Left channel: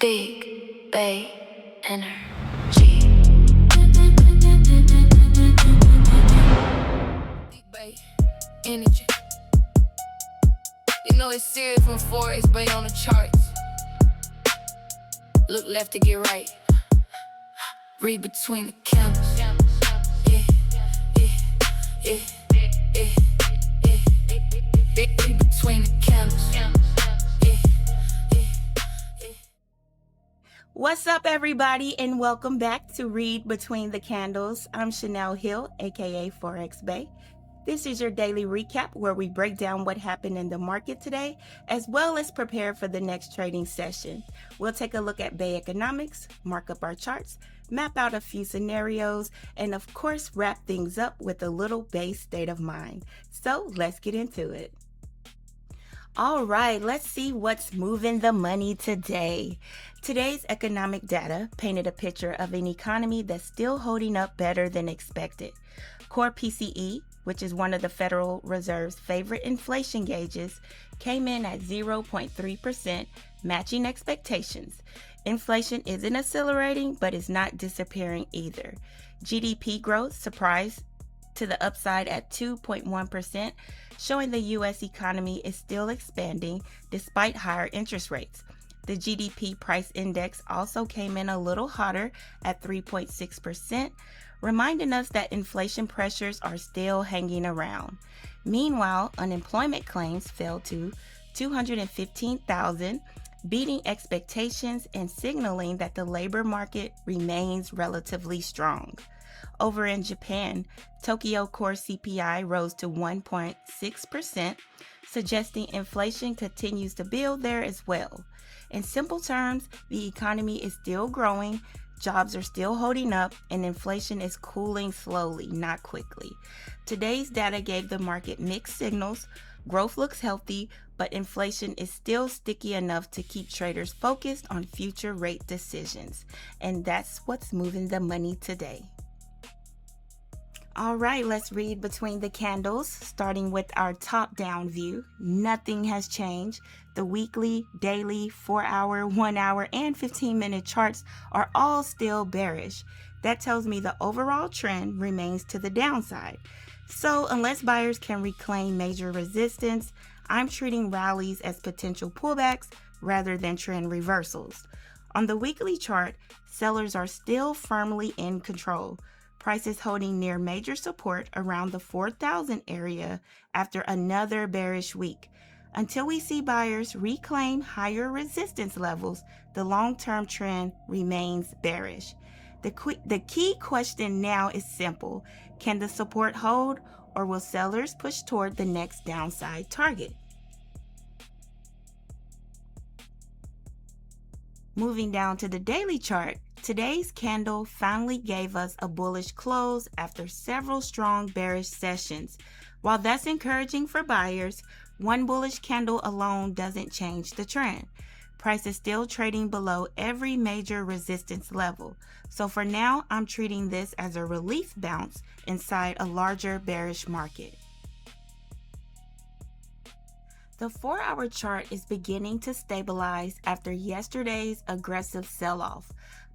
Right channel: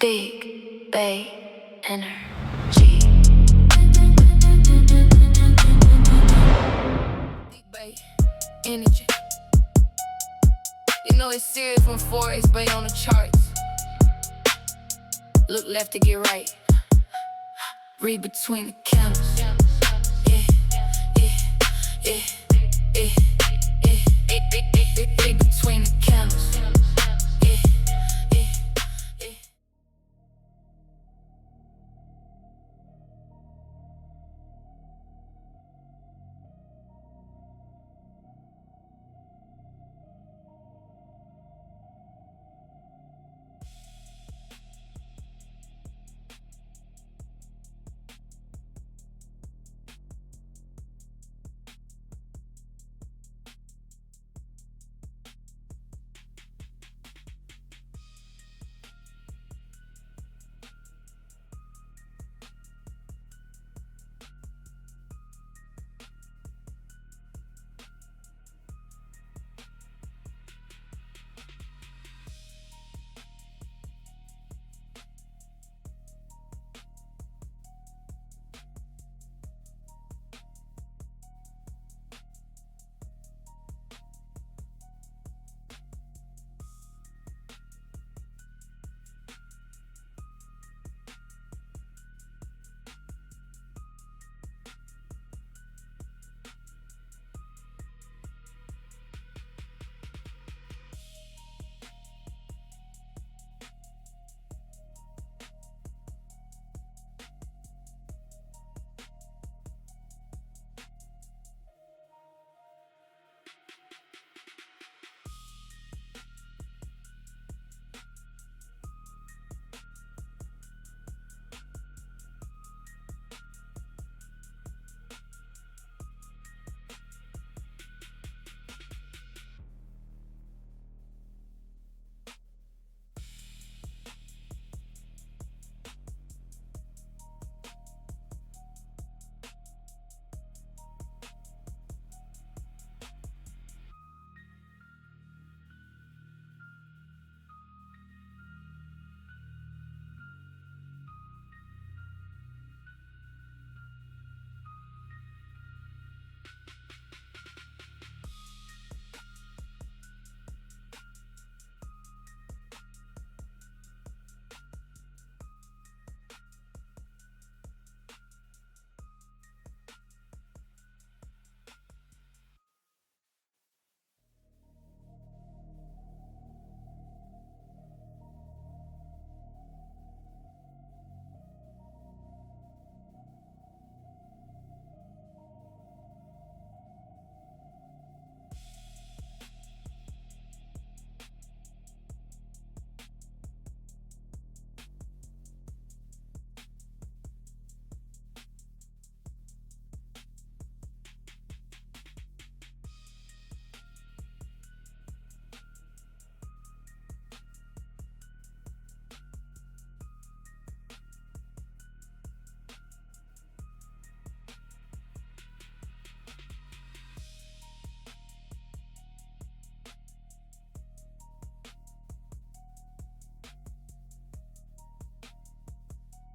Big Bay Energy. Big Bay Energy. You know it's serious when Forex Bay on the charts. Look left to get right. Read between the candles. Yeah, yeah, yeah, yeah, yeah. Read between the candles. What's up, everybody, and welcome back to Read Between the Candles. I'm Chanel Hill, aka Forex Bay. This is your daily recap where we break down what happened in the market today, as well as prepare for the next trading session. We'll take a look at Bay economics, mark up our charts, map out a few scenarios, and of course, wrap things up with a little Bay state of mind. So let's get into it. All right, let's see what's moving the money today. Today's economic data painted a picture of an economy that's still holding up better than expected. Core PCE, which is one of the Federal Reserve's favorite inflation gauges, came in at 0.3%, matching expectations. Inflation isn't accelerating, but it's not disappearing either. GDP growth surprised to the upside at 2.1%, showing the U.S. economy is still expanding despite higher interest rates. The GDP price index also came in a little hotter at 3.6%, reminding us that inflation pressures are still hanging around. Meanwhile, unemployment claims fell to 215,000, beating expectations and signaling that the labor market remains relatively strong. Over in Japan, Tokyo core CPI rose to 1.6%, suggesting inflation continues to build there as well. In simple terms, the economy is still growing, jobs are still holding up, and inflation is cooling slowly, not quickly. Today's data gave the market mixed signals. Growth looks healthy, but inflation is still sticky enough to keep traders focused on future rate decisions. And that's what's moving the money today. All right, let's read between the candles, starting with our top-down view. Nothing has changed. The weekly, daily, 4-hour, 1-hour, and 15-minute charts are all still bearish. That tells me the overall trend remains to the downside. So unless buyers can reclaim major resistance, I'm treating rallies as potential pullbacks rather than trend reversals. On the weekly chart, sellers are still firmly in control. Prices holding near major support around the 4,000 area after another bearish week. Until we see buyers reclaim higher resistance levels, the long-term trend remains bearish. The key question now is simple. Can the support hold, or will sellers push toward the next downside target? Moving down to the daily chart, today's candle finally gave us a bullish close after several strong bearish sessions. While that's encouraging for buyers, one bullish candle alone doesn't change the trend. Price is still trading below every major resistance level. So for now, I'm treating this as a relief bounce inside a larger bearish market. The 4-hour chart is beginning to stabilize after yesterday's aggressive sell-off.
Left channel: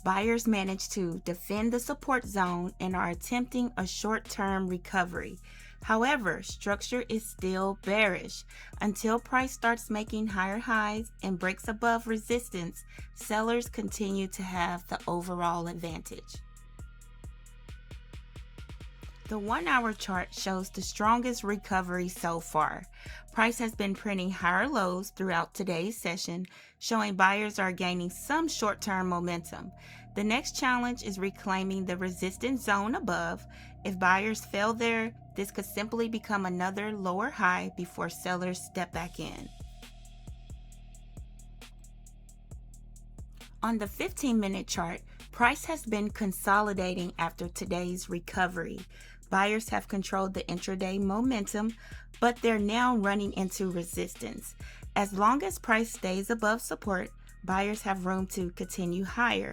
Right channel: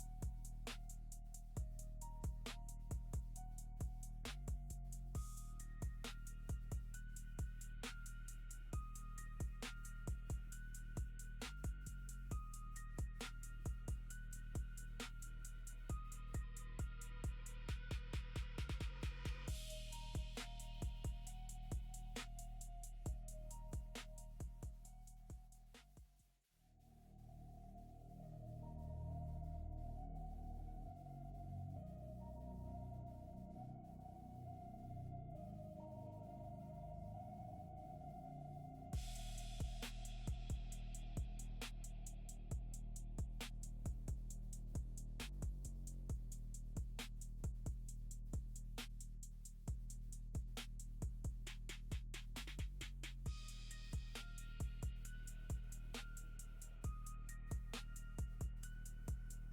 Buyers managed to defend the support zone and are attempting a short-term recovery. However, structure is still bearish. Until price starts making higher highs and breaks above resistance, sellers continue to have the overall advantage. The 1-hour chart shows the strongest recovery so far. Price has been printing higher lows throughout today's session, showing buyers are gaining some short-term momentum. The next challenge is reclaiming the resistance zone above. If buyers fail there, this could simply become another lower high before sellers step back in. On the 15-minute chart, price has been consolidating after today's recovery. Buyers have controlled the intraday momentum, but they're now running into resistance. As long as price stays above support, buyers have room to continue higher.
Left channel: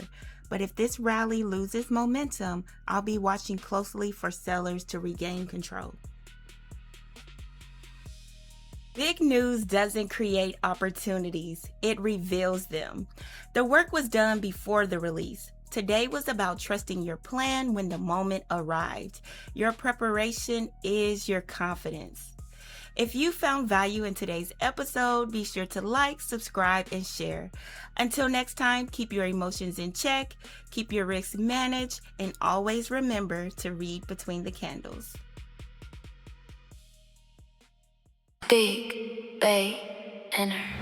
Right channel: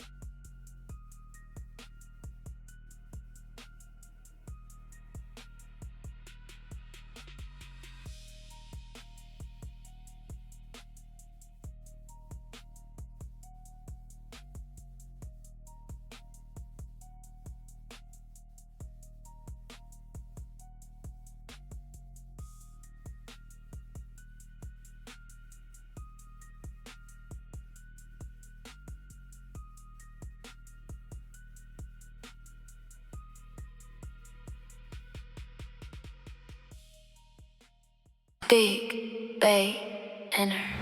But if this rally loses momentum, I'll be watching closely for sellers to regain control. Big news doesn't create opportunities, it reveals them. The work was done before the release. Today was about trusting your plan when the moment arrived. Your preparation is your confidence. If you found value in today's episode, be sure to like, subscribe, and share. Until next time, keep your emotions in check, keep your risks managed, and always remember to read between the candles. Big Bay Inner.